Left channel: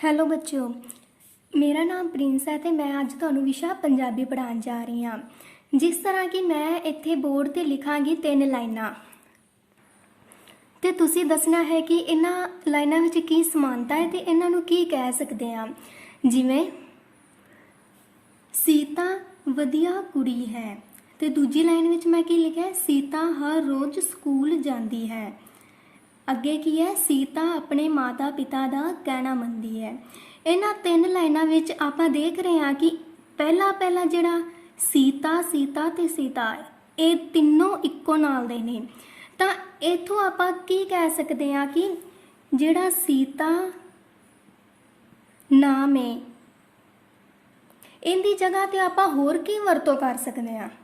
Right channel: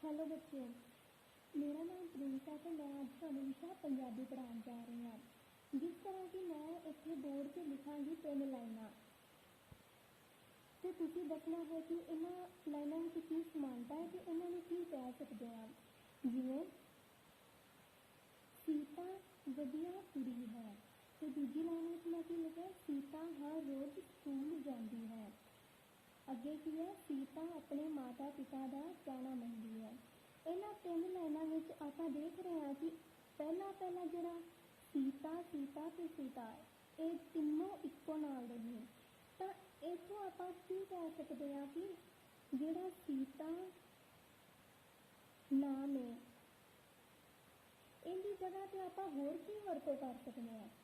Hello बच्चों, मेरा नाम प्रिंस है तो मैं अज तुहानूं विशा पंजाबी पढ़ाउण जा रही हाँ। जिस तरह कि मैं इत्थे बोर्ड ते लिखांगी 3 लाइनां ते तुसीं दसना है कि इन्हां लाइनां विच की समानता है ते इन्हां नूं की कह सकदे हां। जिवें सीता वधिया कुड़ी है ते दूजी लाइन विच मैं की लिखिआ है, सीता हर रोज़ स्कूल जाती है। अगे की है, सीता अपने माता पिता का कहना मनती है। इन्हां 3 लाइनां विच आपां देख रहे हैं कि पहला जिहड़ा सीता सीता ते सीता ये तीनों इक्को नाल दे ने। तां इत्थों आपां की कह सकते हैं कि जिहड़ा सीता नाम है इहदी जगह ते आपां होर की वरतों कर सकते हैं।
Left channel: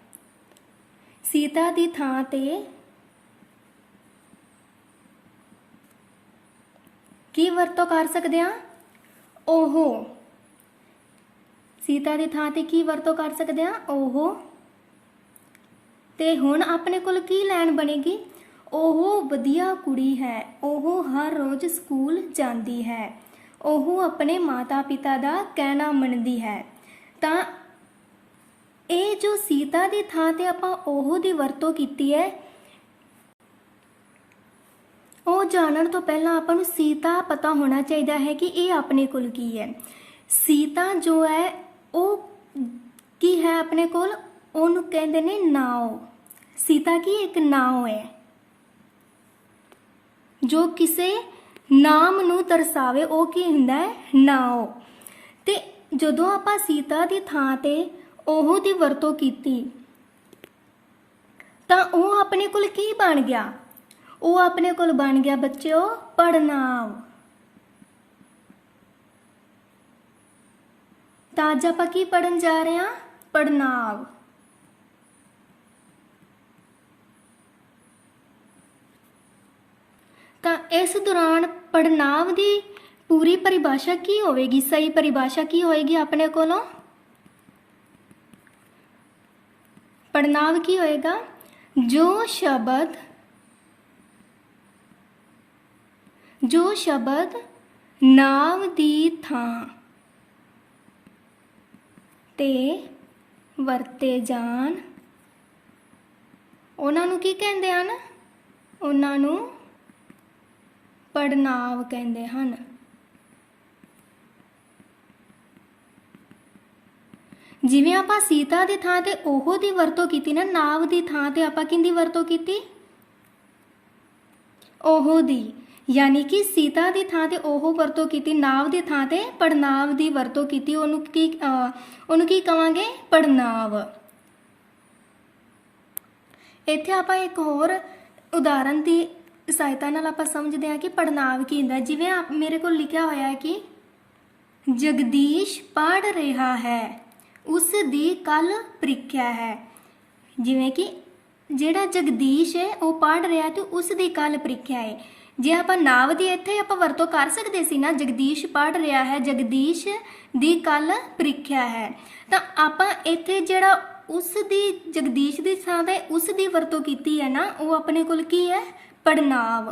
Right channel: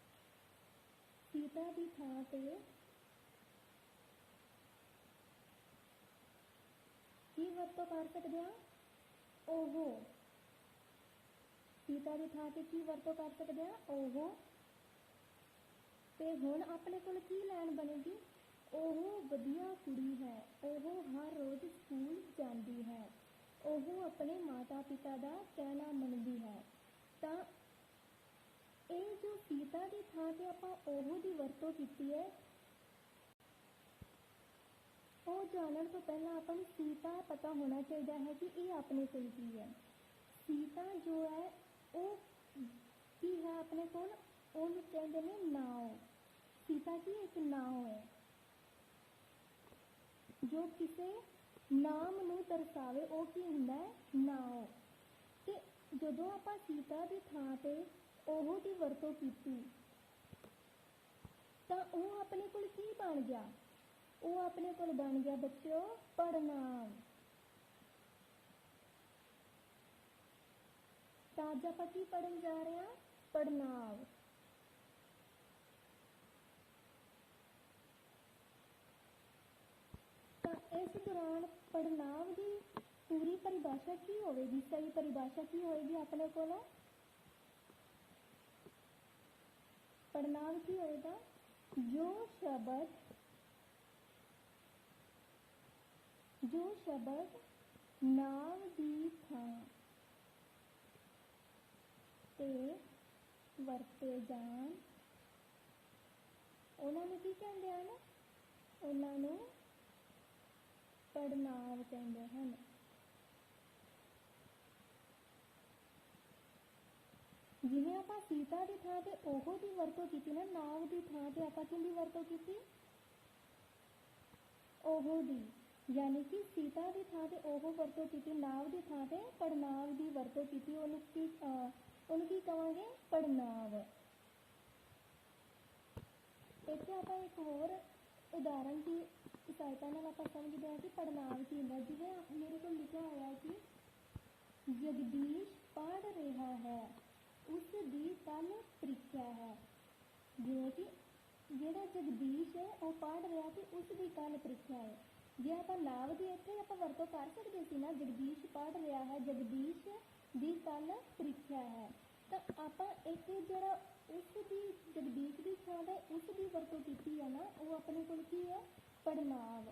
सीता दी थां ते की वरतों कर सकते हैं? ओहो। सीता की थां ते की वरतों कर सकते हैं? ओहो। ते हुण अपने कोल की लाइन बनेगी? ओहो वधिया कुड़ी है, ओहो हर रोज़ स्कूल जाती है, ओहो अपने माता पिता का कहना मनती है। तां ये जो सीता की थां ते आपां ओहो दी वरतों कीती है, वो जानन तो पहला आपां नूं सीता पता होना चाहिए है कि ये अपने कोल की है। सीता जो है वो की है अपने कोल, उन्होंने कहते ने नाव। सीता की एक नाव है जो किसी नाम नूं दर्शावे, वो की हुंदा है नाव। ते जदों आपां सीता दी थां ते ओहो दी वरतों कीती तां वो अपने कोल की बन गया? वो अपने कोल बन गया बच्चों पड़नाव। तां अज आपां की पढ़न जा रहे हैं? पड़नाव। तां इस दौरान पड़नाव की पूरी परिभाषा की होगी? सही परिभाषा की होएगी अपने कोलों? पड़नाव की होएगा? जो शब्द नाव दी थां ते वरते जान उन्हां नूं की कहंदे हन? उन्हां नूं पड़नाव कहंदे हन। जिवें आपां सीता दी थां ते ओहो दी वरतों कीती ना, नाव दी थां ते आपां किहदी वरतों कीती? ओहो दी। यानी कि सीता दी थां ते ओहो वरतों कीती, नाव दी थां ते पड़नाव दी वरतों कीती। उहनूं की कहांगे? पड़नाव। इत्थे आपां एक होर उदाहरण की सहायता नाल आपां समझदे हां कि पड़नाव की हुंदा। जिवें मेरे को लिखिआ होया है कि जगदीश पढ़ रहा है, उस दी कल प्रीख्या है। जिवें कि जिहड़ा जगदीश है वो पढ़ रहा तो उस दी कल प्रीख्या है। जे आपां नाव दी इत्थे आपां वरतों कर सकदे सी ना, जगदीश पढ़ रहा है, जगदीश दी कल प्रीख्या है। तां आपां इत्थे जिहड़ा उस दी जगदीश दी थां ते उस दी वरतों कीती है ना, वो अपने कोल की है? पड़नाव।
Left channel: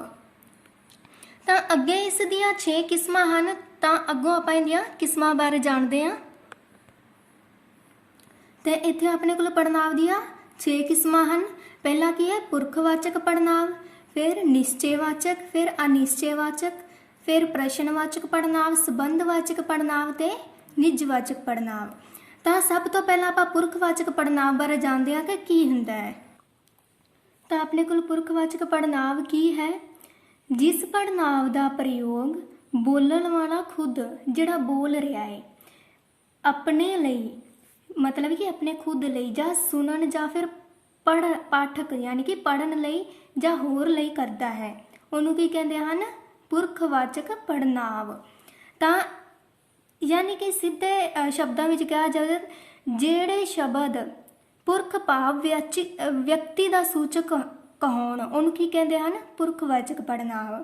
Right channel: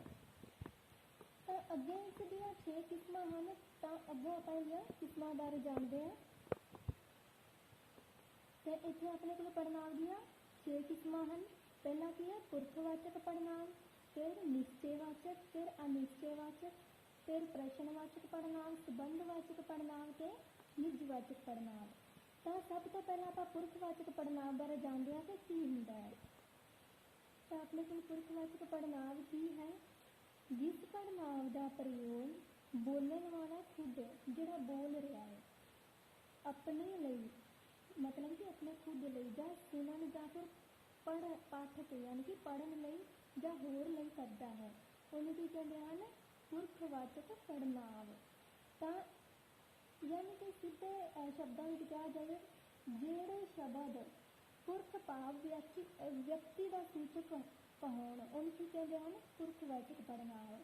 तां अगे इस दियां 6 किस्मां हन। तां अगों आपां इहदियां किस्मां बारे जाणदे हां। ते इत्थे अपने कोल पड़नाव दियां 6 किस्मां हन। पहला की है? पुरखवाचक पड़नाव, फिर निश्चयवाचक, फिर अनिश्चयवाचक, फिर प्रश्नवाचक पड़नाव, संबंधवाचक पड़नाव ते निजवाचक पड़नाव। तां सब तो पहला आपां पुरखवाचक पड़नाव बारे जानते हैं कि की हुंदा है। तां अपने कोल पुरखवाचक पड़नाव की है? जिस पड़नाव का प्रयोग बोलण वाला खुद जिहड़ा बोल रहा है अपने लिए, मतलब कि अपने खुद लिए, जां सुनन जां फिर पाठक यानी कि पढ़न लई जां होर लई करता है, उहनूं की कहंदे हन? पुरखवाचक पड़नाव। तां यानी कि सीधे शब्दां विच कहा जाए जिहड़े शब्द पुरख भाव व्यक्ति का सूचक कहाउण उहनूं की कहंदे हन? पुरखवाचक पड़नाव।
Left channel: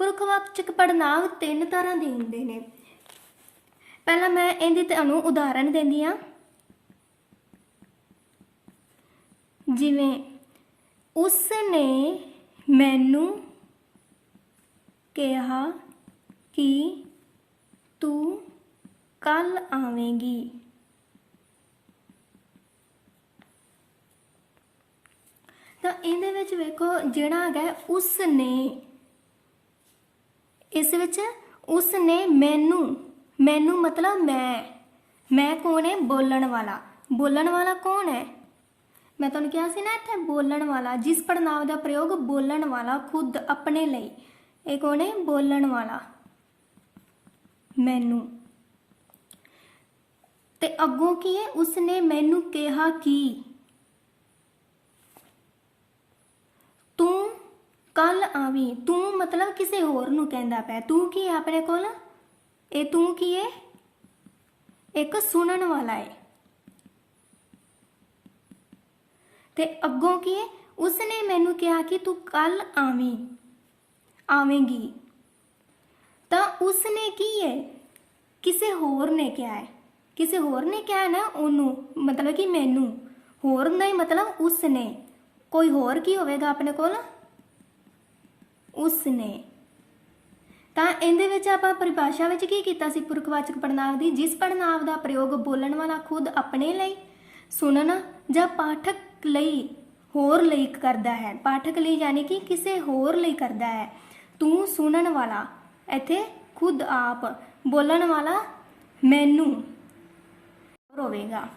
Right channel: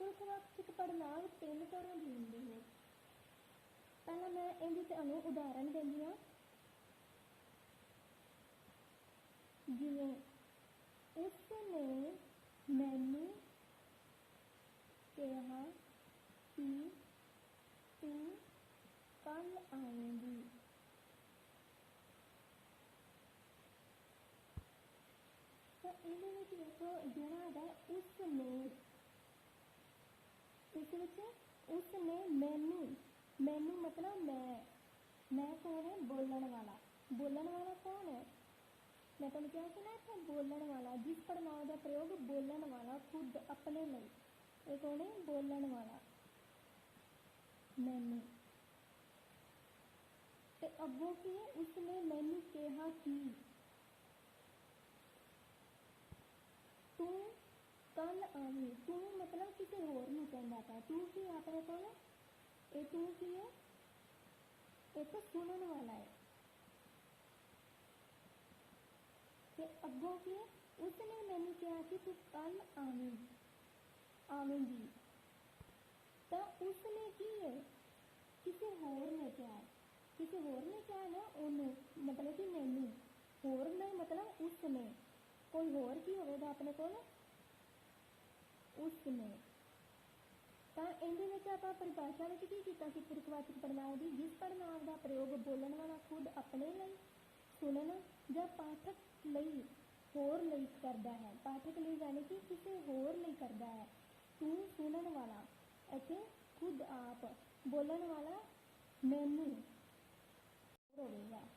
पुरखवाचक पड़नाव 3 तरह के हुंदे ने। पहला मैं इहदी तुहानूं उदाहरण दिंदी हां। जिवें उसने मैनू कहा कि ਤੂੰ ਕੱਲ ਆਵੇਂਗੀ। ਤਾਂ ਇਹਦੇ ਵਿੱਚ ਵੇਖੋ ਜਿਹੜਾ ਹੈਗਾ ਉਸ ਨੇ, ਇਸ ਵਿੱਚ ਉਸ ਨੇ ਮੈਨੂੰ, ਮੈਨੂੰ ਮਤਲਬ ਮੈਂ ਕੌਣ ਹੈ? ਬੋਲਣ ਵਾਲਾ। ਬੋਲਣ ਵਾਲਾ ਕੌਣ ਹੈ? ਮੈਂ ਤੁਹਾਨੂੰ ਕਿਹਾ ਸੀ ਨਾ ਇੱਥੇ ਬੋਲਣ ਵਾਲਾ, ਜਿਸ ਪੜਨਾਂਵ ਦਾ ਪ੍ਰਯੋਗ ਬੋਲਣ ਵਾਲਾ ਖੁਦ ਆਪਣੇ ਲਈ, ਇਹ ਕੌਣ ਹੈ? ਬੋਲਣ ਵਾਲਾ ਮੈਨੂੰ। ਤੇ ਅੱਗੋਂ ਕੀ ਹੈ? ਉਸਨੇ ਮੈਨੂੰ ਕਿਹਾ ਕਿ ਤੂੰ ਕੱਲ ਆਵੀਂ। ਤੂੰ ਮਤਲਬ ਕਿਸੇ ਹੋਰ ਨੂੰ ਕਹਿੰਦਾ ਪਿਆ। ਤੂੰ ਕੀ ਹੈ ਆਪਣੇ ਕੋਲ? ਇਹ ਤੂੰ ਕੀ ਹੈ? ਇੱਕ ਸੁਣਨ ਵਾਲਾ ਹੈ। ਤੇ ਅੱਗੋਂ ਕੀ ਹੈ? ਉਸਨੇ ਮੈਨੂੰ ਕਿਹਾ ਕਿ ਤੂੰ ਕੱਲ ਆਵੇਂਗੀ। ਤਾਂ ਉਸਨੇ ਕੀ ਹੈ? ਕਿਸੇ ਹੋਰ ਨੇ ਕਿਹਾ ਹੈ। ਕਿਸੇ ਹੋਰ ਨੇ ਕਿਹਾ ਨਾ ਉਹਨੂੰ, ਮਤਲਬ ਕਿ ਮੈਨੂੰ। ਹੋਰ ਦਾ ਹੀ ਮਤਲਬ ਉਸਨੇ। ਕੋਈ ਹੋਰ ਕੀ ਹੋਵੇਗਾ ਆਪਣੇ ਕੋਲ? ਉਸਨੇ। ਤਾਂ ਇਹਦੇ ਵਿੱਚ ਆਪਾਂ ਪਰਿਭਾਸ਼ਾ ਵਿੱਚ ਕੀ ਕੀਤਾ ਸੀ ਪੁਰਖਵਾਚਕ ਪੜ੍ਹਨਾਂਵ ਦੀ? ਜਿਸ ਪੜ੍ਹਨਾਂਵ ਦਾ ਪ੍ਰਯੋਗ ਬੋਲਣ ਵਾਲਾ ਖੁਦ ਆਪਣੇ ਲਈ, ਸੁਣਨ ਜਾਂ ਪਾਠਕ ਲਈ, ਹੋਰ ਲਈ ਕਰਦਾ ਹੈ। ਪਾਠਕ ਲਈ ਯਾਨੀ ਕਿ ਕਿਸੇ ਹੋਰ ਲਈ ਕਰਦਾ ਹੈ। ਤੂੰ ਸੁਣਨ ਵਾਲਾ, ਇੱਥੇ ਖੁਦ ਆਪ। ਬੋਲਣ ਵਾਲਾ ਮੈਨੂੰ ਹੋਵੇਗਾ।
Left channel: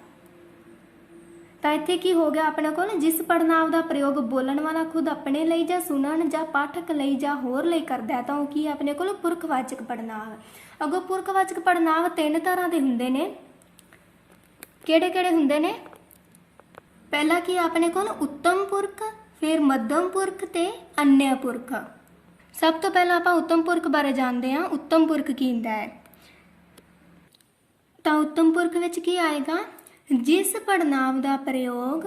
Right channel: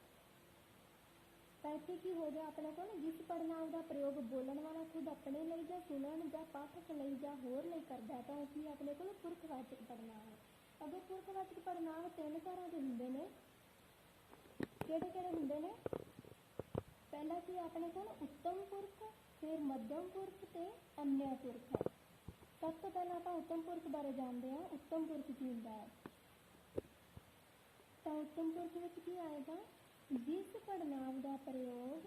ਤਾਂ ਇੱਥੇ ਕੀ ਹੋ ਗਿਆ ਆਪਣੇ ਕੋਲ? ਜਿਸ ਪੜ੍ਹਨਾਂਵ ਦਾ ਪ੍ਰਯੋਗ ਬੋਲਣ ਵਾਲਾ ਖੁਦ ਆਪਣੇ ਲਈ ਜਾਂ ਸੁਣਨ ਜਾਂ ਪਾਠਕ ਲਈ ਜਾਂ ਹੋਰ ਲਈ ਕਰਦਾ ਹੈ, ਤਾਂ ਉਹ ਕੀ ਆਪਣੇ ਕੋਲ? ਪੁਰਖਵਾਚਕ ਪੜ੍ਹਨਾਂਵ। ਅੱਗੋਂ ਪੁਰਖਵਾਚਕ ਪੜ੍ਹਨਾਂਵ 3 ਤਰ੍ਹਾਂ ਦੇ ਹੁੰਦੇ ਨੇ। ਕਿਹੜੇ ਕਿਹੜੇ ਹੁੰਦੇ ਨੇ? ਪਹਿਲਾ ਕੀ ਆਪਣੇ ਕੋਲ? ਉੱਤਮ ਪੁਰਖ, ਫਿਰ ਮੱਧਮ ਪੁਰਖ ਤੇ ਅਨਯ ਪੁਰਖ। ਸਭ ਤੋਂ ਪਹਿਲਾਂ ਆਪਾਂ ਉੱਤਮ ਪੁਰਖ ਬਾਰੇ ਜਾਣਦੇ ਹਾਂ। ਉੱਤਮ ਪੁਰਖ ਕੀ ਹੁੰਦਾ ਹੈ? ਤਾਂ ਉੱਤਮ ਪੁਰਖ ਵਿੱਚ ਕੀ ਆਏਗਾ? ਜਿਸ ਪੜ੍ਹਨਾਂਵ ਦਾ ਪ੍ਰਯੋਗ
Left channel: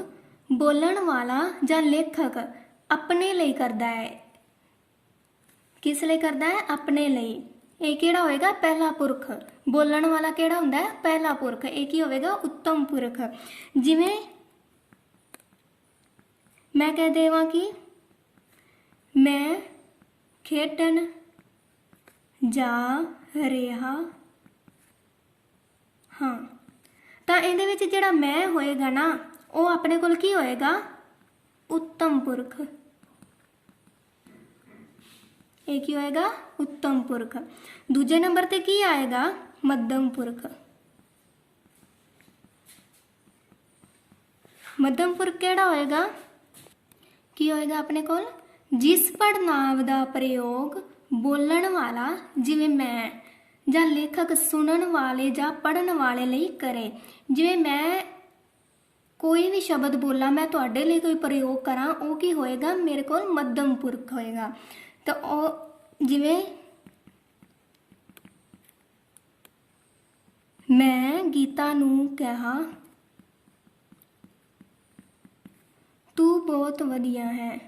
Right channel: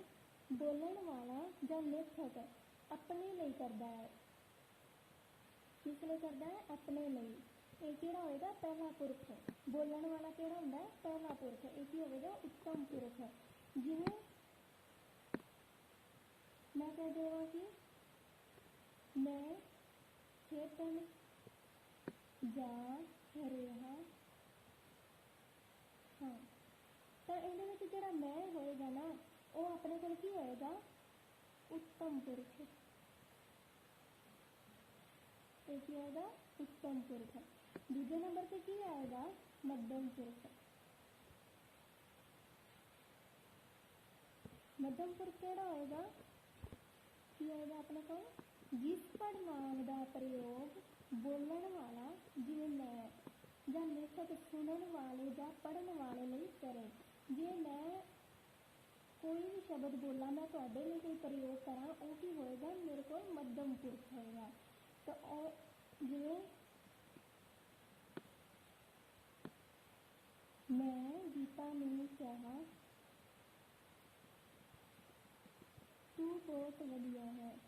ਬੋਲਣ ਵਾਲਾ ਜਾਂ ਲੇਖਕ ਆਪਣੇ ਲਈ ਕਰਦਾ ਹੈ। ਕਿਸ ਲਈ ਕਰਦਾ ਹੈ? ਆਪਣੇ ਲਈ। ਇਹ ਕਿਹੜਾ ਹੋਏਗਾ? ਪਹਿਲਾ ਪੁਰਖ। ਬੋਲਣ ਵਾਲਾ ਕਿਹੜਾ ਹੁੰਦਾ ਹੈ? ਪਹਿਲਾ ਪੁਰਖ। ਇਹ ਕੀ ਹੋਵੇਗਾ? ਉੱਤਮ ਪੁਰਖ। ਜਿਵੇਂ ਮੈਂ ਕਹਿ ਦੇਵਾਂ ਕਿ ਮੈਂ ਖੇਡਣ ਜਾ ਰਿਹਾ ਹਾਂ। ਤਾਂ ਇਹਦੇ ਵਿੱਚ ਜਿਹੜਾ ਮੈਂ ਹੋਏਗਾ ਨਾ, ਉਹ ਆਪਣੇ ਕੋਲ ਕੀ ਹੋਏਗਾ? ਉੱਤਮ ਪੁਰਖ। ਇਹ ਕੀ ਹੋਏਗਾ? ਉੱਤਮ ਪੁਰਖ। ਦੂਜੇ ਨੰਬਰ ਤੇ ਕੀ ਆਏਗਾ? ਮੱਧਮ ਪੁਰਖ। ਮੱਧਮ ਪੁਰਖ ਕਿਹੜਾ ਹੋਏਗਾ? ਕੀ ਹੋਏਗਾ ਆਪਣੇ ਕੋਲ? ਜਿਸ ਪੜ੍ਹਨਾਂਵ ਦਾ ਪ੍ਰਯੋਗ ਬੋਲਣ ਵਾਲਾ, ਜਿਵੇਂ ਮੈਂ, ਜਾਂ ਲੇਖਕ ਸੁਣਨ ਵਾਲੇ ਜਾਂ ਪੜ੍ਹਨ ਵਾਲੇ ਲਈ ਕਰੇ। ਜਿਵੇਂ ਮੈਂ ਕੋਈ ਵੀ ਸ਼ਬਦ ਬੋਲਾਂ, ਮੈਂ ਤੁਹਾਡੇ ਲਈ ਕੋਈ ਪ੍ਰਯੋਗ ਕਰਾਂ, ਉਹ ਕੀ ਹੋਏਗਾ? ਮੇਰੇ ਕੋਲ ਮੱਧਮ ਪੁਰਖ ਹੋਏਗਾ। ਤਾਂ ਉਹ ਜਿਵੇਂ ਮੈਂ ਗੀਤਾ ਨੂੰ ਕਿਹਾ ਤੂੰ ਬਹੁਤ ਵਧੀਆ ਹੈ।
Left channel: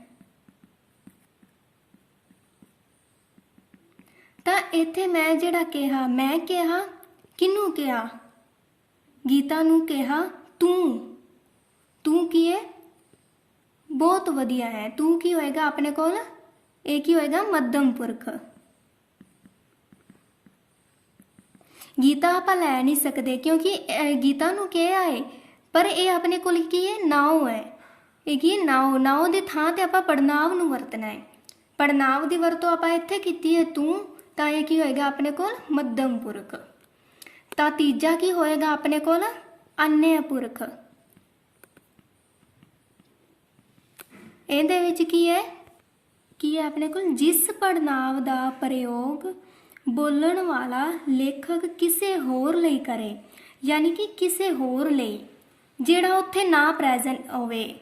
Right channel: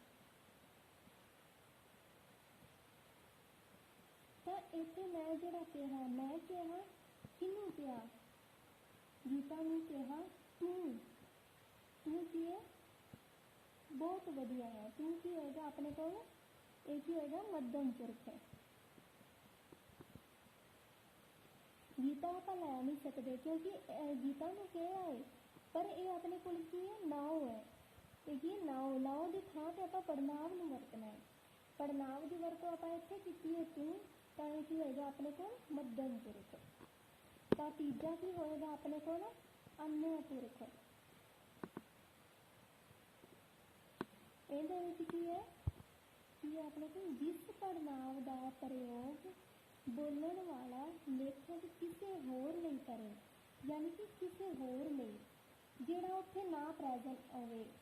ਤਾਂ ਇੱਥੇ ਮੈਂ ਜਿਹੜਾ ਕਿਹਾ, ਮੈਂ ਕਿਹਾ, ਕਿਹਨੂੰ ਕਿਹਾ? ਗੀਤਾ ਨੂੰ ਕਿਹਾ। ਤੂੰ ਕੀ ਹੈ? ਬਹੁਤ ਵਧੀਆ ਹੈ। ਤੂੰ ਕੀ ਹੋਏਗਾ ਆਪਣੇ ਕੋਲ? ਇਹ ਕੀ ਹੋਏਗਾ? ਮੱਧਮ ਪੁਰਖ। ਗੀਤਾ ਆਪਾਂ ਲੈ ਨਹੀਂ ਸਕਦੇ ਕਿਉਂਕਿ ਗੀਤਾ ਨੂੰ ਕਿਹਾ ਹੈ, ਪਰ ਇਹ ਆਪਣੇ ਕੋਲ ਕੀ ਹੈ? ਨਾਉ ਹੈ। ਇਹ ਕੀ ਹੈ? ਨਾਉ ਦੇ ਥਾਂ ਤੇ ਆਪਾਂ ਪੜ੍ਹਨਾਂਵ ਨੂੰ ਵਰਤਣਾ ਹੈ। ਪੜ੍ਹਨਾਂਵ ਦੀ ਵਰਤੋਂ ਆਪਾਂ ਇੱਥੇ ਕੀਤੀ ਹੈ ਤੂੰ, ਤਾਂ ਇਹ ਕੀ ਹੋਏਗਾ ਆਪਣੇ ਕੋਲ? ਮੱਧਮ ਪੁਰਖ। ਤਾਂ ਤੀਜਾ ਕੀ ਹੋਏਗਾ ਆਪਣੇ ਕੋਲ? ਅਨਯ ਪੁਰਖ। ਇਹਦੇ ਵਿੱਚ ਕੀ ਹੈ ਆਪਣੇ ਕੋਲ? ਜਿਸ ਪੜ੍ਹਨਾਂਵ ਦਾ ਪ੍ਰਯੋਗ ਬੋਲਣ ਵਾਲਾ ਲੇਖਕ ਕਿਸੇ ਹੋਰ ਲਈ ਕਰੇ, ਯਾਨੀ ਕਿ ਕਿਸੇ ਹੋਰ ਲਈ, ਜਿਹੜਾ ਉੱਥੇ ਨਾ ਪ੍ਰੈਜ਼ੈਂਟ ਹੋਵੇ,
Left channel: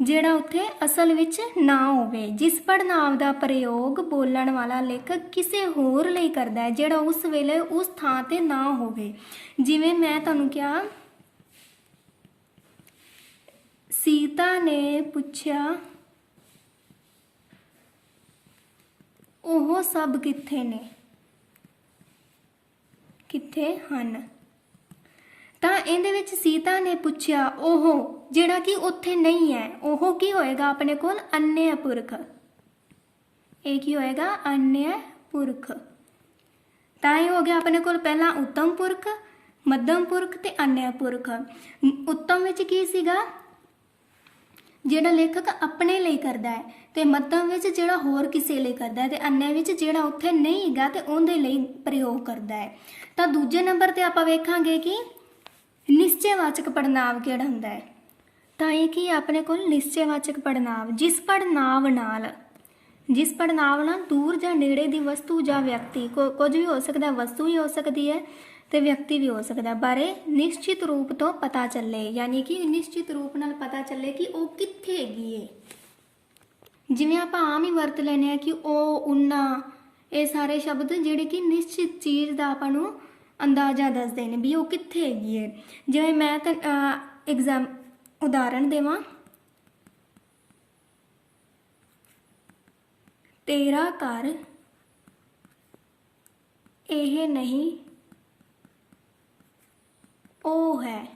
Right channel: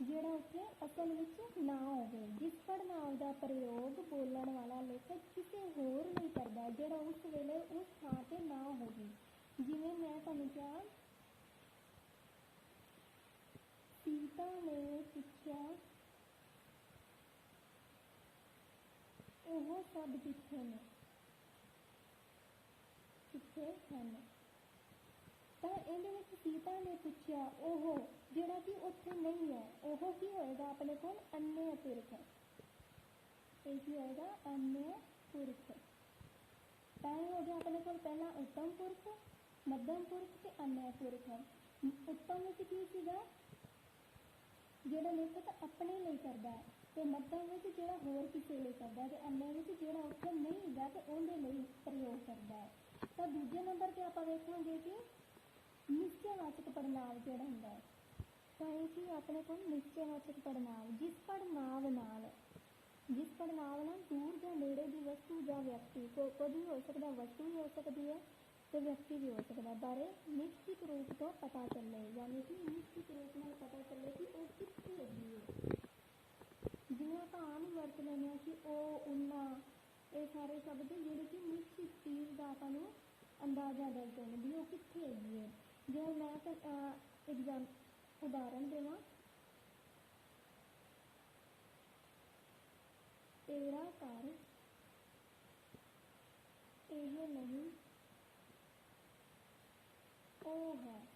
ਜਿਹੜਾ ਉੱਥੇ ਅਸਲ ਵਿੱਚ ਨਾ ਹੋਵੇ। ਜਿਸ ਪੜ੍ਹਨਾਂਵ ਦਾ ਪ੍ਰਯੋਗ ਬੋਲਣ ਵਾਲਾ ਲੇਖਕ ਕਿਸੇ ਹੋਰ ਲਈ ਕਰਦਾ ਹੈ, ਜਿਹੜਾ ਉਸ ਵੇਲੇ ਉਸ ਥਾਂ ਤੇ ਨਾ ਹੋਵੇ। ਜਿਵੇਂ ਮੈਂ ਤੁਹਾਨੂੰ ਕਿਹਾ, ਸੀਤਾ ਨੇ ਪੁੱਛਿਆ ਉਹ ਸਭ ਕਿੱਥੇ ਨੇ? ਕਿੱਥੇ ਹਨ? ਤਾਂ ਇਹਦੇ ਵਿੱਚ ਸੀਤਾ ਨੇ ਪੁੱਛਿਆ, ਉਹ ਜਿਹੜਾ ਕਿ ਉੱਥੇ ਨਹੀਂ ਹੈ, ਉਹ ਕੀ ਹੋਏਗਾ ਆਪਣੇ ਕੋਲ? ਅਨਯ ਪੁਰਖ। ਇਹ ਕੀ ਹੋਏਗਾ? ਅਨਯ ਪੁਰਖ। ਤਾਂ ਇਹ ਹੋ ਗਿਆ ਆਪਣੇ ਕੋਲ ਪਹਿਲਾਂ ਉੱਤਮ ਪੁਰਖ, ਮੱਧਮ ਪੁਰਖ ਤੇ ਅਨਯ ਪੁਰਖ। ਉੱਤਮ ਵਿੱਚ ਕੀ ਸੀਗਾ, ਜਿਹੜਾ ਲੇਖਕ ਆਪਣੇ ਲਈ ਕਰਦਾ ਹੈ, ਤੇ ਮੱਧਮ ਵਿੱਚ ਜਿਹੜਾ ਹੋਰ ਕਿਸੇ ਲਈ ਕਰਦਾ ਹੈ, ਤੇ ਅਨਯ ਵਿੱਚ ਜਿਹੜਾ ਉੱਥੇ ਨਹੀਂ ਹੈਗਾ ਤੇ ਉਹਦੇ ਲਈ ਪ੍ਰਯੋਗ ਕਰਦਾ ਹੈ। ਤਾਂ ਦੂਜੇ ਨੰਬਰ ਤੇ ਆਪਾਂ ਵੇਖਾਂਗੇ ਕਿ ਨਿਸ਼ਚੈਵਾਚਕ ਪੜ੍ਹਨਾਂਵ ਕਿਹੜਾ ਹੁੰਦਾ ਹੈ। ਤਾਂ ਇਹ ਕੀ ਆਪਣੇ ਕੋਲ ਨਿਸ਼ਚੈਵਾਚਕ ਪੜ੍ਹਨਾਂਵ, ਜਿਸ ਪੜ੍ਹਨਾਂਵ ਨਾਲ ਦੂਰ ਜਾਂ ਨੇੜੇ ਦੀ ਵਸਤੂ ਜਾਂ ਵਿਅਕਤੀ, ਕੁਝ ਵੀ ਹੋ ਸਕਦਾ, ਵਸਤੂ ਵੀ ਹੋ ਸਕਦੀ ਹੈ ਤੇ ਵਿਅਕਤੀ ਵੀ ਹੋ ਸਕਦਾ, ਬਾਰੇ ਨਿਸ਼ਚਿਤ ਰੂਪ ਤੋਂ ਪਤਾ ਚੱਲੇ, ਯਾਨੀ ਕਿ ਨਿਸ਼ਚਿਤ ਰੂਪ ਨਾਲ ਪਤਾ ਚੱਲੇ ਕਿ ਉਹ ਕਿੱਥੇ ਹੈਗੀ ਏ। ਜਿਵੇਂ ਆਪਾਂ ਆਮ ਹੀ ਵਰਤ ਲੈਂਦੇ ਆ ਕਿ ਉਹ, ਉਹਨਾਂ, ਇਹ ਸਾਰੇ ਸ਼ਬਦ ਜਿਹੜੇ ਕਿ ਨਿਸ਼ਚਿਤ ਚੀਜ਼ ਦਾ ਆਪਾਂ ਨੂੰ ਅੰਦਾਜ਼ਾ ਦੱਸਦੇ ਨੇ ਵੀ ਉਹ ਕਿੱਥੇ ਹੈਗੀ ਏ। ਜਿਵੇਂ ਮੈਂ ਤਾਂ ਉਦਾਹਰਣ ਦੇਵਾਂ, ਤੇਰਾ ਘਰ ਇਹ ਨਹੀਂ ਉਹ ਹੈ।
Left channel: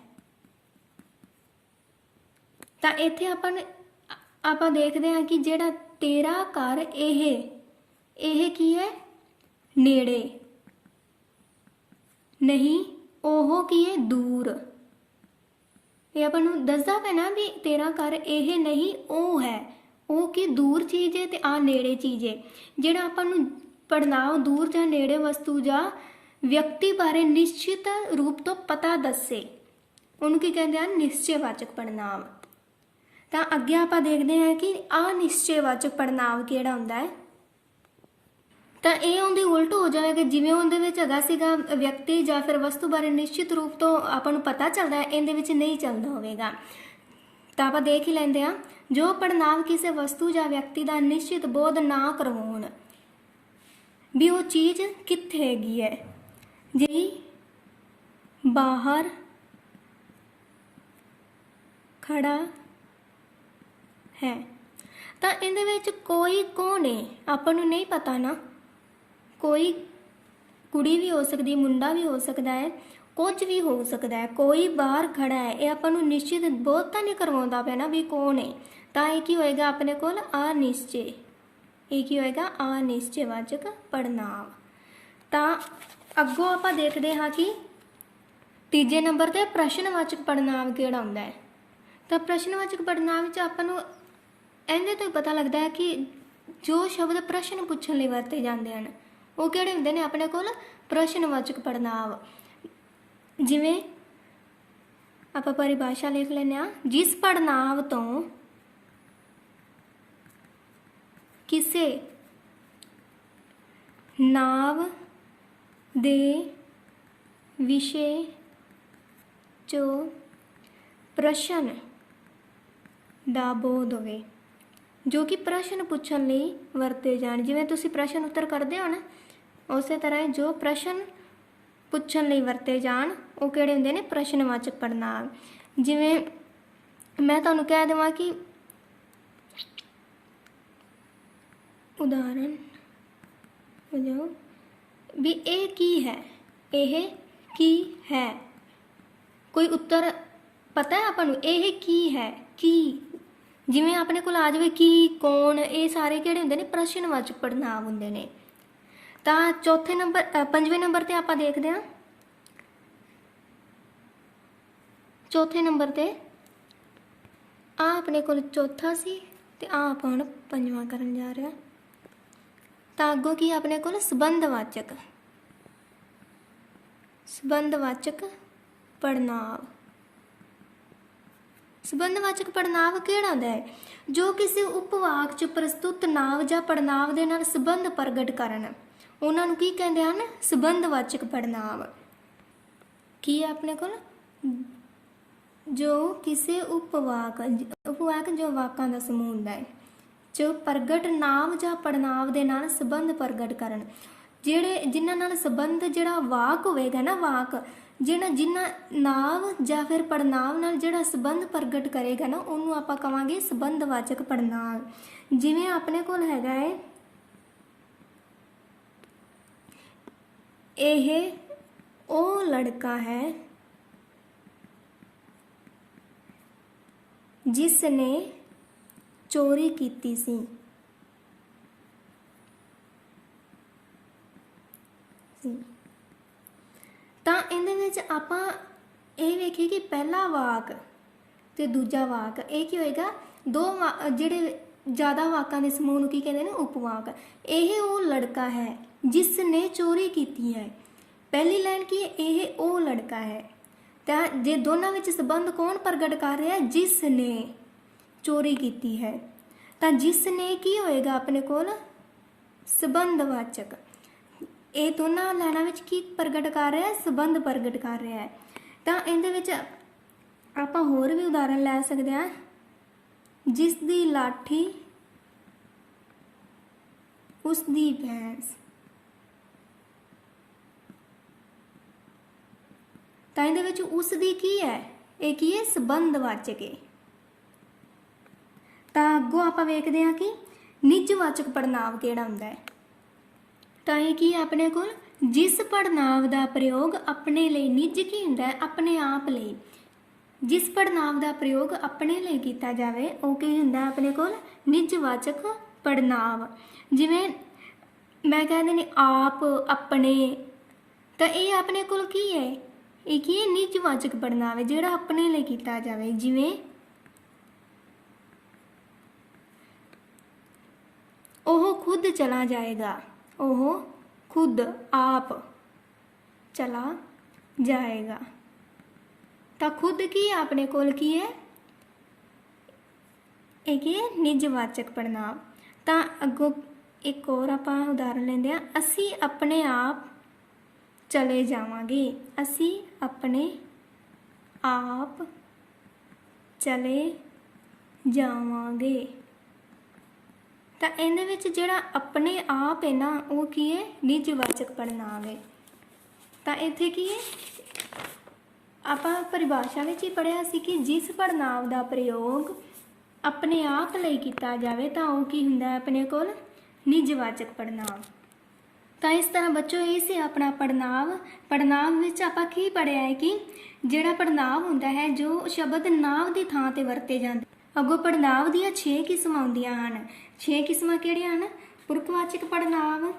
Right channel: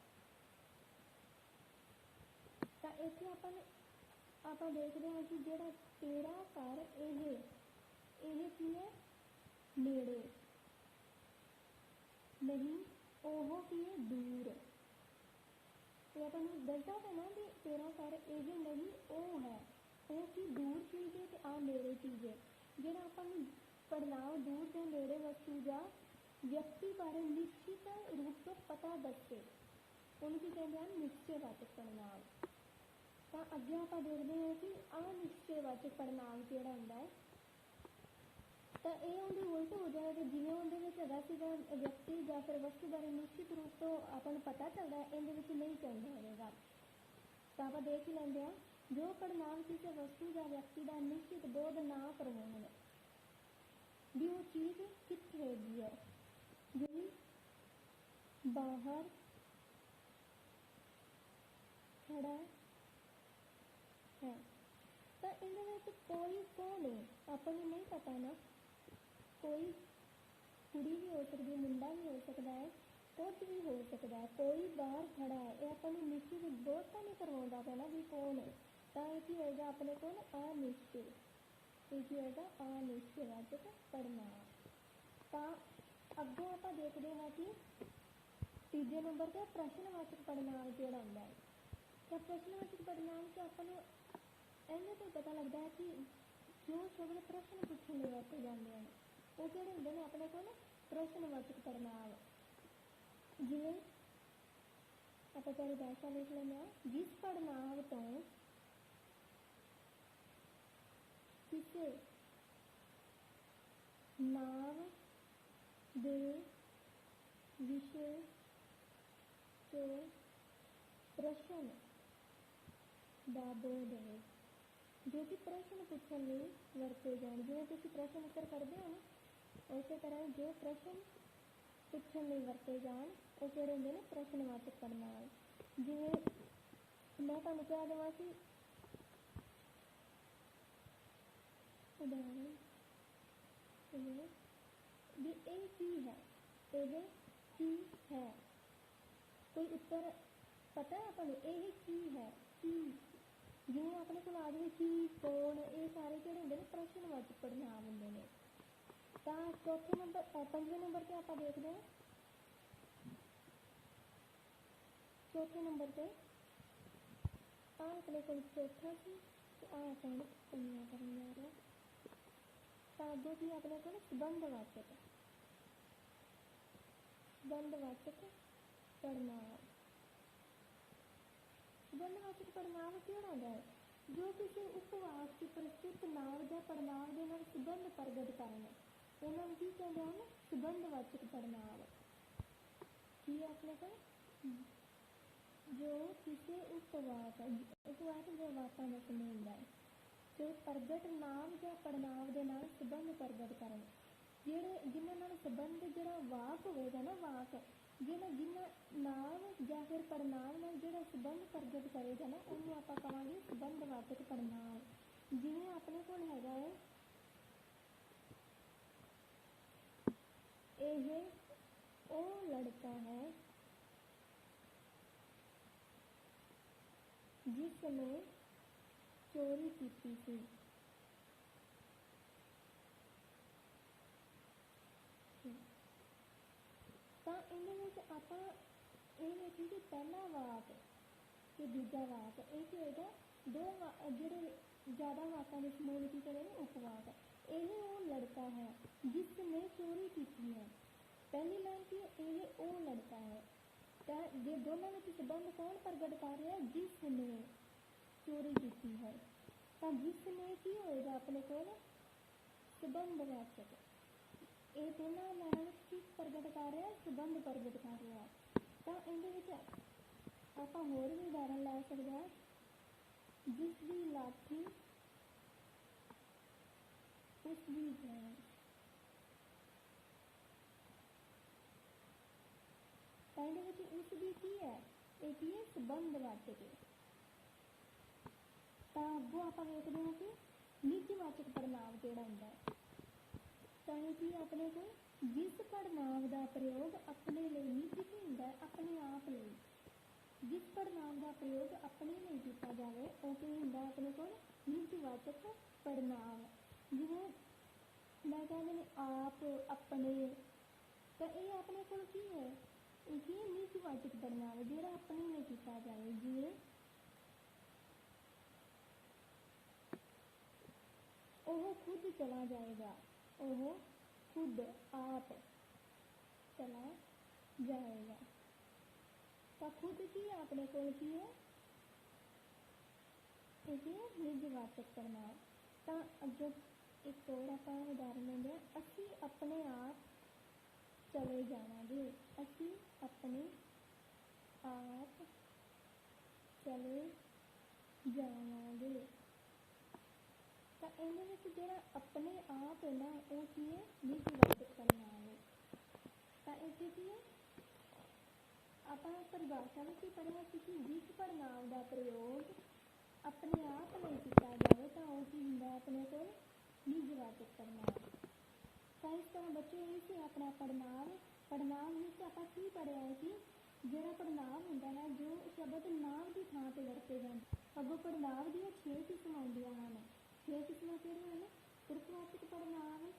ਤਾਂ ਇੱਥੇ ਆਪਾਂ ਦੇਖਦੇ ਹਾਂ ਕਿ ਜਿਹੜਾ ਤੇਰਾ ਘਰ ਇਹ ਕੀ ਹੈ, ਨੇੜੇ, ਨਹੀਂ ਉਹ ਕੀ ਹੈ, ਦੂਰ। ਇਹ ਆਪਾਂ ਨੂੰ ਦੱਸਦਾ ਪੈਣਾ ਵੀ ਤੇਰਾ ਘਰ ਇਹ ਨਹੀਂ ਉਹ ਹੈ, ਉਹ ਕੀ ਦੂਰ ਚੀਜ਼ ਹੈ ਤੇ ਆ ਨੇੜੇ ਚੀਜ਼ ਹੈ। ਜਿਹੜਾ ਆਪਾਂ ਨੂੰ ਪੜ੍ਹਨਾਂਵ ਦੂਰ ਜਾਂ ਨੇੜੇ ਵਸਤੂ ਜਾਂ ਵਿਅਕਤੀ ਬਾਰੇ ਨਿਸ਼ਚਿਤ ਰੂਪ ਤੋਂ ਪਤਾ ਦੱਸੇ, ਉਹਨੂੰ ਕੀ ਕਹਿੰਦੇ ਹਨ, ਨਿਸ਼ਚੈਵਾਚਕ ਪੜ੍ਹਨਾਂਵ। ਤਾਂ ਅੱਗੇ ਆਪਾਂ ਦੇਖਦੇ ਹਾਂ ਕਿ ਅਨਿਸ਼ਚੈਵਾਚਕ ਪੜ੍ਹਨਾਂਵ ਕਿਹੜਾ ਹੁੰਦਾ ਹੈ। ਤਾਂ ਇਹ ਉਹਦੇ ਉਲਟ ਹੋ ਜਾਏਗਾ, ਜਿਵੇਂ ਉਹਦੇ ਵਿੱਚ ਹੈਗਾ ਸੀਗਾ ਵਿਅਕਤੀ ਜਾਂ ਫਿਰ ਵਸਤੂ ਬਾਰੇ ਨਿਸ਼ਚਿਤ ਰੂਪ ਤੋਂ ਆਪਾਂ ਨੂੰ ਪਤਾ ਚੱਲਦਾ ਹੈ, ਇਹਦੇ ਵਿੱਚ ਨਹੀਂ ਚੱਲਦਾ ਹੋਵੇਗਾ। ਤਾਂ ਆਪਾਂ ਦੇਖ ਹੀ ਲੈਂਦੇ ਹਾਂ, ਜੋ ਪੜ੍ਹਨਾਂਵ ਕਿਸੇ ਵਸਤੂ ਜਾਂ ਵਿਅਕਤੀ ਦਾ ਨਿਸ਼ਚਿਤ ਬੋਧ ਨਾ ਕਰਵਾਉਣ ਵੀ ਉਹ ਚੀਜ਼ ਕਿੱਥੇ ਹੈਗੀ ਹੈ। ਜੀ ਬਾਹਰ ਖੜਾ ਹੈ, ਤਾਂ ਇਹਦੇ ਵਿੱਚ ਕੋਈ ਕੌਣ ਹੈ ਆਪਾਂ ਨੂੰ ਨਹੀਂ ਪਤਾ ਨਾ, ਕੋਈ ਕੁੜੀ ਵੀ ਹੋ ਸਕਦੀ, ਮੁੰਡਾ ਵੀ ਹੋ ਸਕਦਾ ਹੈ, ਕੁਝ ਵੀ ਹੋ ਸਕਦਾ ਹੈ, ਕੋਈ ਬਾਹਰ ਖੜਾ ਹੈ, ਇਹ ਆਪਾਂ ਨੂੰ ਨਿਸ਼ਚਿਤ ਬੋਧ ਤਾਂ ਨਹੀਂ ਕਰਵਾਉਂਦਾ ਪਿਆ ਨਾ ਵੀ ਕੌਣ ਹੈ। ਤਾਂ ਇਹ ਕੀ ਹੋਏਗਾ ਆਪਣੇ ਕੋਲ ਅਨਿਸ਼ਚੈ, ਇਹ ਕੀ ਹੋਏਗਾ ਅਨਿਸ਼ਚੈਵਾਚਕ ਪੜ੍ਹਨਾਂਵ। ਤਾਂ ਅੱਗੋਂ ਆਪਾਂ ਦੇਖਦੇ ਹਾਂ ਕਿ ਤੀਜੇ ਨੰਬਰ ਤੇ ਪ੍ਰਸ਼ਨਵਾਚਕ ਪੜ੍ਹਨਾਂਵ ਕਿਹੜਾ ਹੁੰਦਾ ਹੈ। ਤਾਂ ਪ੍ਰਸ਼ਨਵਾਚਕ ਪੜ੍ਹਨਾਂਵ ਵਿੱਚ ਆਪਾਂ ਨੂੰ ਇਹਦੇ ਤੋਂ ਹੀ ਪਤਾ ਲੱਗਦਾ ਹੈ ਕਿ ਜੋ ਸ਼ਬਦ ਪ੍ਰਸ਼ਨ ਪੁੱਛਣ ਲਈ ਵਰਤੇ ਜਾਂਦੇ ਹਨ ਉਹ ਕਿਹੜੇ ਹੁੰਦੇ ਨੇ ਆਪਣੇ ਕੋਲ, ਪ੍ਰਸ਼ਨਵਾਚਕ ਪੜ੍ਹਨਾਂਵ। ਜਿਵੇਂ ਆਪਾਂ ਪਰਿਭਾਸ਼ਾ ਲਿਖ ਲੈਂਦੇ ਹਾਂ, ਜਿਸ ਪੜ੍ਹਨਾਂਵ ਤੋਂ ਕਿਸੇ ਨਾਂਵ ਦੇ ਵਿਸ਼ੇ 'ਚੋਂ ਪ੍ਰਸ਼ਨ ਦਾ ਬੋਧ ਹੋਵੇ, ਜੋ ਕਿ ਪ੍ਰਸ਼ਨ ਪੁੱਛਣ ਲਈ ਵਰਤੇ ਜਾਣ। ਜਿਵੇਂ ਤੁਸੀਂ ਪ੍ਰਸ਼ਨ ਉੱਤਰ ਕਰਦੇ ਹੋ ਨਾ, ਉਸੇ ਤਰ੍ਹਾਂ ਜੋ ਪ੍ਰਸ਼ਨ ਪੁੱਛਣ ਲਈ ਵਰਤੇ ਜਾਣ ਉਹ ਕਿਹੜੇ ਹੁੰਦੇ ਨੇ, ਪ੍ਰਸ਼ਨਵਾਚਕ ਪੜ੍ਹਨਾਂਵ। ਜਿਵੇਂ ਮੈਂ ਤੁਹਾਨੂੰ ਕਹਿ ਦੇਵਾਂ ਕਿ ਉਦਾਹਰਣ ਵਜੋਂ ਵੀ ਇਹ ਕੀ ਹੈ, ਇਹ ਕੀ ਹੈ, ਕੋਈ ਉੱਤਰ ਪਤਾ ਹੈ ਆਪਾਂ ਨੂੰ, ਇਹ ਕੀ ਹੈ, ਕੀ। ਜਿਵੇਂ ਆਪਣੇ ਕੋਲ ਆ ਜਾਵੇ ਕੀ, ਕੌਣ, ਇਹ ਸਾਰੇ ਕਿਹੜੇ ਹੁੰਦੇ ਨੇ, ਪ੍ਰਸ਼ਨਵਾਚਕ ਪੜ੍ਹਨਾਂਵ ਹੁੰਦੇ ਨੇ। ਤਾਂ ਪੰਜਵੇਂ ਨੰਬਰ ਤੇ ਆਪਾਂ ਦੇਖਦੇ ਹਾਂ, ਚੌਥੇ ਨੰਬਰ ਤੇ ਆ ਆਪਣੇ ਕੋਲ ਚੌਥਾ ਸੀ ਤੇ ਆ ਆਪਾਂ ਹੁਣ ਪੰਜਵਾਂ ਕਰਨ ਜਾ ਰਹੇ ਹਾਂ। ਤਾਂ ਅੱਗੋਂ ਕੀ ਆਪਣੇ ਕੋਲ ਸੰਬੰਧਵਾਚਕ ਪੜ੍ਹਨਾਂਵ। ਸੰਬੰਧਵਾਚਕ ਪੜ੍ਹਨਾਂਵ ਕਿਹੜਾ ਹੁੰਦਾ ਹੈ, ਜੋ ਕਿਸੇ ਉਪਵਾਕ 'ਚ ਪ੍ਰਸਤੁਤ ਨਾਂਵ ਜਾਂ ਪੜ੍ਹਨਾਂਵ ਦੇ ਨਾਲ ਸੰਬੰਧ ਪ੍ਰਗਟ ਕਰਨ, ਉਹਨਾਂ ਨੂੰ ਕੀ ਕਹਿੰਦੇ ਹਨ, ਸੰਬੰਧਵਾਚਕ ਪੜ੍ਹਨਾਂਵ। ਕੀ ਹੈ ਆਪਣੇ ਕੋਲ, ਜੋ ਕਿਸੇ ਉਪਵਾਕ ਜੋ ਵਾਕਾਂ ਦਾ ਸਮੂਹ ਹੁੰਦਾ ਹੈ, ਜੋ ਪ੍ਰਗਟ ਨਾਂਵ ਜਾਂ ਪੜ੍ਹਨਾਂਵ ਦੇ ਨਾਲ ਸੰਬੰਧ ਪ੍ਰਗਟ ਕਰਨ, ਜਿਨ੍ਹਾਂ ਨਾਲ ਸੰਬੰਧ ਜਿਹੜਾ ਵਾਕ ਹੋਵੇਗਾ ਨਾ, ਵਾਕ ਜਿਨ੍ਹਾਂ ਨਾਂਵ ਜਾਂ ਫਿਰ ਪੜ੍ਹਨਾਂਵ ਨਾਲ ਜਿਹੜਾ ਸੰਬੰਧ ਪ੍ਰਗਟ ਕਰੇਗਾ ਨਾ, ਉਹਨੂੰ ਆਪਾਂ ਕਵਾਂਗੇ ਸੰਬੰਧਵਾਚਕ ਪੜ੍ਹਨਾਂਵ। ਜਿਵੇਂ ਆਪਣੇ ਕੋਲ ਹੈਗਾ ਹੈ, ਇਹ ਉਹ ਲੜਕਾ ਹੈ ਜਿਸ ਨੇ ਚੋਰੀ ਕੀਤੀ ਸੀ। ਤਾਂ ਇਹਦੇ ਵਿੱਚ ਆਪਾਂ ਇਹ ਵੇਖੀਏ ਕਿ ਪਹਿਲਾ ਵਾਕ ਤੇ ਦੂਜਾ ਵਾਕ ਇਹ ਕੀ ਹੋਏਗਾ, ਜਿਹੜੇ ਜ਼ਿਆਦਾ ਵਾਕਾਂ ਦੇ ਸਮੂਹ ਨੂੰ ਕੀ ਕਹਿੰਦੇ ਨੇ, ਉਪਵਾਕ। ਇਹ ਉਹ ਲੜਕਾ ਹੈ ਜਿਸ ਨੇ ਚੋਰੀ ਕੀਤੀ ਹੈ। ਪਹਿਲੀ ਲਾਈਨ ਕੀ ਹੈ, ਇਹ ਉਹ ਲੜਕਾ ਹੈ। ਤਾਂ ਜੇ ਦੋਨਾਂ ਵਿੱਚ ਸੰਬੰਧ ਕੌਣ ਪ੍ਰਗਟ ਕਰ ਰਿਹਾ, ਜਿਸ ਨੇ ਚੋਰੀ ਕੀਤੀ ਹੈ, ਤਾਂ ਜਿਸ ਨੇ ਕੀ ਹੋਏਗਾ ਆਪਣੇ ਕੋਲ, ਸੰਬੰਧਵਾਚਕ। ਇਹ ਦੋਨਾਂ ਲਾਈਨਾਂ ਵਿੱਚ ਕੀ ਪ੍ਰਗਟ ਕਰ ਰਿਹਾ ਹੈ, ਸੰਬੰਧ ਪ੍ਰਗਟ ਕਰ ਰਿਹਾ ਹੈ। ਤਾਂ ਇਹਦੇ ਵਿੱਚ ਆਪਾਂ ਹੋਰ ਵੀ ਉਦਾਹਰਨ ਲੈ ਸਕਦੇ ਹਾਂ, ਜਿਸ ਦੀ ਲਾਠੀ ਉਸ ਦੀ ਭੈਂਸ। ਤਾਂ ਇਹਦੇ ਵਿੱਚ ਉਸ ਦੀ ਕੀ ਹੈ, ਇਹ ਕੀ ਹੈ, ਸੰਬੰਧਵਾਚਕ ਹੈ। ਤਾਂ ਅੱਗੋਂ ਆਪਾਂ ਵੇਖਦੇ ਹਾਂ ਕਿ ਨਿੱਜਵਾਚਕ ਪੜ੍ਹਨਾਂਵ ਕਿਹੜਾ ਹੁੰਦਾ ਹੈ। ਤਾਂ ਇਹ ਕੀ ਹੈ ਆਪਣੇ ਕੋਲ, ਜਿਸ ਪੜ੍ਹਨਾਂਵ ਦਾ ਪ੍ਰਯੋਗ ਆਪਣੇ ਲਈ, ਨਿੱਜ ਕੀ ਹੁੰਦਾ ਹੈ, ਆਪਣੇ ਆਪ ਲਈ। ਜਿਸ ਪੜ੍ਹਨਾਂਵ ਦਾ ਪ੍ਰਯੋਗ ਆਪਣੇ ਲਈ ਕੀਤਾ ਜਾਵੇ ਉਹ ਕੀ ਹੁੰਦਾ ਆਪਣੇ ਕੋਲ, ਨਿੱਜਵਾਚਕ ਪੜ੍ਹਨਾਂਵ। ਜਿਵੇਂ ਮੈਂ ਕਹਿੰਦੇ ਨੇ ਆਪ, ਆਪਣੇ, ਤਾਂ ਇਹ ਆਪਣੇ ਕੋਲ ਕੀ ਹੈ, ਇਹ ਕੀ ਹੈ, ਨਿੱਜਵਾਚਕ ਪੜ੍ਹਨਾਂਵ ਹੈ ਜਿਹੜਾ ਆਪਣੇ ਲਈ ਕੀਤਾ ਜਾਵੇ। ਜਿਵੇਂ ਉਹ ਖੁਦ ਚਲਾ ਜਾਏਗਾ, ਉਹ ਖੁਦ ਆਪ ਚਲਾ ਜਾਏਗਾ। ਤਾਂ ਖੁਦ ਕੀ ਹੈ ਆਪਣੇ ਕੋਲ, ਕੀ ਹੈ, ਇਹ ਕੀ ਹੈ, ਨਿੱਜਵਾਚਕ ਪੜ੍ਹਨਾਂਵ। ਤਾਂ ਅੱਗੋਂ ਇੱਕ ਹੋਰ ਆਪਾਂ ਉਦਾਹਰਨ ਲੈਂਦੇ ਹਾਂ, ਅਸੀਂ ਆਪਣੇ ਆਪ ਚਲੇ ਜਾਵਾਂਗੇ, ਅਸੀਂ ਆਪਣੇ ਆਪ ਚਲੇ ਜਾਵਾਂਗੇ। ਤਾਂ ਇਹਦੇ ਵਿੱਚ ਜਿਹੜਾ ਆਪਣੇ ਆਪ ਹੈ ਨਾ, ਉਹ ਕੀ ਹੈ, ਨਿੱਜਵਾਚਕ ਪੜ੍ਹਨਾਂਵ ਹੈ। ਤਾਂ ਇੱਥੇ ਕੀ ਹੈ, ਆਪਾਂ ਪਰਿਭਾਸ਼ਾ ਵਿੱਚ ਹੀ ਪੜ੍ਹਿਆ ਸੀ ਕਿ ਜਿਸ ਪੜ੍ਹਨਾਂਵ ਦਾ ਪ੍ਰਯੋਗ ਆਪਣੇ ਆਪ ਲਈ ਕੀਤਾ ਜਾਵੇ ਤਾਂ ਉਹ ਕੀ ਹੁੰਦਾ ਆਪਣੇ ਕੋਲ, ਨਿੱਜਵਾਚਕ ਪੜ੍ਹਨਾਂਵ। ਤਾਂ ਇਸ ਤਰ੍ਹਾਂ ਬੱਚੋ ਇਹ ਸੀ ਆਪਣਾ ਪੜ੍ਹਨਾਂਵ। ਪੜ੍ਹਨਾਂਵ ਵਿੱਚ ਆਪਾਂ ਕੀ ਪੜ੍ਹਿਆ ਹੈ ਕਿ ਜਿਹੜਾ ਪੜ੍ਹਨਾਂਵ ਹੁੰਦਾ ਹੈ ਜੋ ਸ਼ਬਦ ਨਾਂਵ ਦੀ ਥਾਂ ਤੇ ਵਰਤੇ ਜਾਂਦੇ। ਅੱਗੋਂ ਪੜ੍ਹਨਾਂਵ ਦੀਆਂ 6 ਕਿਸਮਾਂ ਹੁੰਦੀਆਂ ਹਨ। 6 ਕਿਸਮਾਂ ਕਿਹੜੀਆਂ ਹਨ, ਪੁਰਖਵਾਚਕ ਪੜ੍ਹਨਾਂਵ,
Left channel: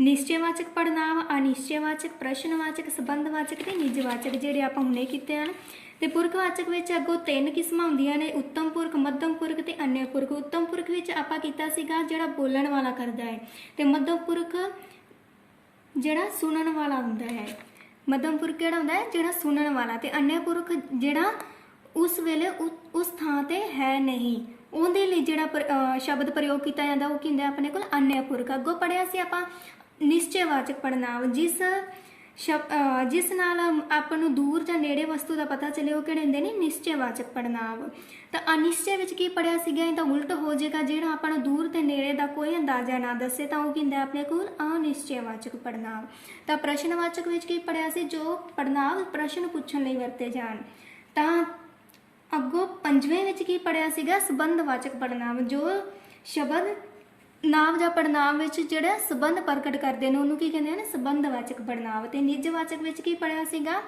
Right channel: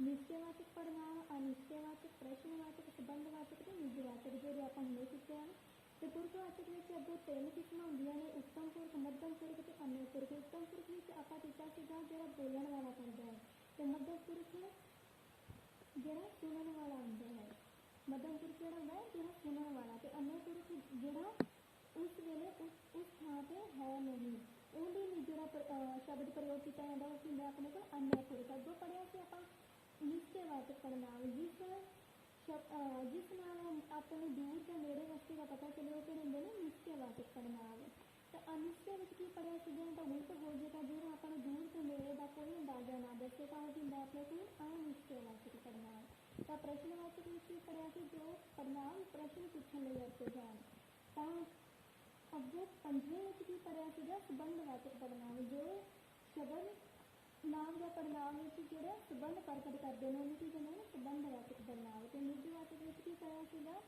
ਨਿਸ਼ਚੈਵਾਚਕ ਪੜ੍ਹਨਾਂਵ, ਅਨਿਸ਼ਚੈਵਾਚਕ, ਪ੍ਰਸ਼ਨਵਾਚਕ, ਸੰਬੰਧਵਾਚਕ ਤੇ ਨਿੱਜਵਾਚਕ, ਜਿਹੜੇ ਆਪਾਂ ਹੁਣੇ ਕੀਤੇ ਹਨ। ਤੇ ਪੁਰਖਵਾਚਕ ਵਿੱਚ ਅੱਗੋਂ 3 ਕਿਸਮਾਂ ਹੁੰਦੀਆਂ ਨੇ, ਉੱਤਮ ਪੁਰਖ, ਮੱਧਮ ਪੁਰਖ ਤੇ ਅਨਯ ਪੁਰਖ। ਉੱਤਮ ਪੁਰਖ ਵਿੱਚ ਆਪਾਂ ਕੀਤਾ ਸੀਗਾ ਜਿਹੜਾ ਬੋਲਣ ਵਾਲਾ ਕਰਦਾ ਹੈ, ਤੇ ਮੱਧਮ ਪੁਰਖ ਜਿਹੜਾ ਸੁਣਨ ਵਾਲਾ ਹੁੰਦਾ ਹੈ। ਮੱਧਮ ਪੁਰਖ ਕਿਹੜਾ ਹੁੰਦਾ ਹੈ, ਜਿਹੜਾ ਸੁਣਨ ਵਾਲਾ। ਤੇ ਅਨਯ ਪੁਰਖ ਜਿਹੜਾ ਉਸ ਵੇਲੇ ਉਸ ਥਾਂ ਤੇ ਹੈ ਨਹੀਂ, ਉਹਦੇ ਲਈ ਜਿਹੜਾ ਸ਼ਬਦ ਪ੍ਰਯੋਗ ਕੀਤਾ ਜਾਂਦਾ ਉਹ ਕੀ ਹੁੰਦਾ ਆਪਣੇ ਕੋਲ, ਅਨਯ ਪੁਰਖ। ਅੱਗੋਂ ਪੜ੍ਹਿਆ ਸੀ ਆਪਾਂ ਨਿਸ਼ਚੈਵਾਚਕ ਪੜ੍ਹਨਾਂਵ, ਜਿਸ ਨਾਲ ਆਪਾਂ ਨੂੰ ਦੂਰ ਜਾਂ ਨੇੜੇ ਵਸਤੂ ਦਾ ਪਤਾ ਚੱਲੇ, ਉਹ ਕਿਹੜੇ ਹੁੰਦੇ ਨੇ, ਨਿਸ਼ਚੈਵਾਚਕ ਪੜ੍ਹਨਾਂਵ। ਤਾਂ ਅਨਿਸ਼ਚੈ ਵਿੱਚ ਕੀ ਪੜ੍ਹਿਆ ਸੀਗਾ, ਇਹ ਤਾਂ ਉਲਟ ਹੋ ਜਾਏਗਾ, ਜਿਹੜਾ ਆਪਾਂ ਨੂੰ ਦੂਰ ਤੇ ਨੇੜੇ ਦਾ ਕੋਈ ਅੰਦਾਜ਼ਾ ਨਾ ਦੱਸੇ ਤਾਂ ਉਹ ਕੀ ਹੁੰਦਾ ਆਪਣੇ ਕੋਲ, ਅਨਿਸ਼ਚੈਵਾਚਕ ਪੜ੍ਹਨਾਂਵ। ਤਾਂ ਪ੍ਰਸ਼ਨਵਾਚਕ ਵਿੱਚ ਕੀ ਪੜ੍ਹਿਆ ਸੀ, ਜੋ ਪੜ੍ਹਨਾਂਵ ਪ੍ਰਸ਼ਨ ਪੁੱਛਣ ਲਈ ਵਰਤੇ ਜਾਣ। ਤਾਂ ਅੱਗੋਂ 5ਵੇਂ ਵਿੱਚ ਕੀ ਪੜ੍ਹਿਆ ਸੀਗਾ, ਸੰਬੰਧਵਾਚਕ ਪੜ੍ਹਨਾਂਵ, ਜੋ ਸ਼ਬਦ ਨਾਂਵ ਜਾਂ ਪੜ੍ਹਨਾਂਵ ਵਿੱਚ ਜਿਹੜਾ ਸੰਬੰਧ ਪ੍ਰਗਟ ਕਰਦੇ ਨੇ ਉਹਨੂੰ ਕੀ ਕਹਿੰਦੇ ਹਨ, ਸੰਬੰਧਵਾਚਕ ਪੜ੍ਹਨਾਂਵ। ਤੇ ਨਿੱਜਵਾਚਕ ਵਿੱਚ ਕੀ ਪੜ੍ਹਿਆ ਸੀਗਾ,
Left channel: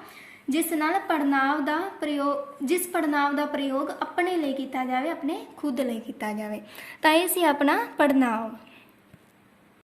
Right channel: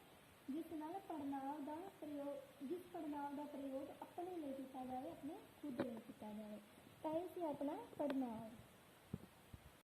ਜਿਸ ਨਾਲ ਪੜ੍ਹਨਾਂਵ ਦਾ ਪ੍ਰਯੋਗ, ਜਿਸ ਪੜ੍ਹਨਾਂਵ ਦਾ ਪ੍ਰਯੋਗ ਆਪਣੇ ਲਈ ਕੀਤਾ ਜਾਵੇ, ਆਪਣੇ ਖੁਦ ਲਈ ਕੀਤਾ ਜਾਵੇ। ਤਾਂ ਇਹ ਸੀ ਆਪਣਾ ਪੜ੍ਹਨਾਂਵ।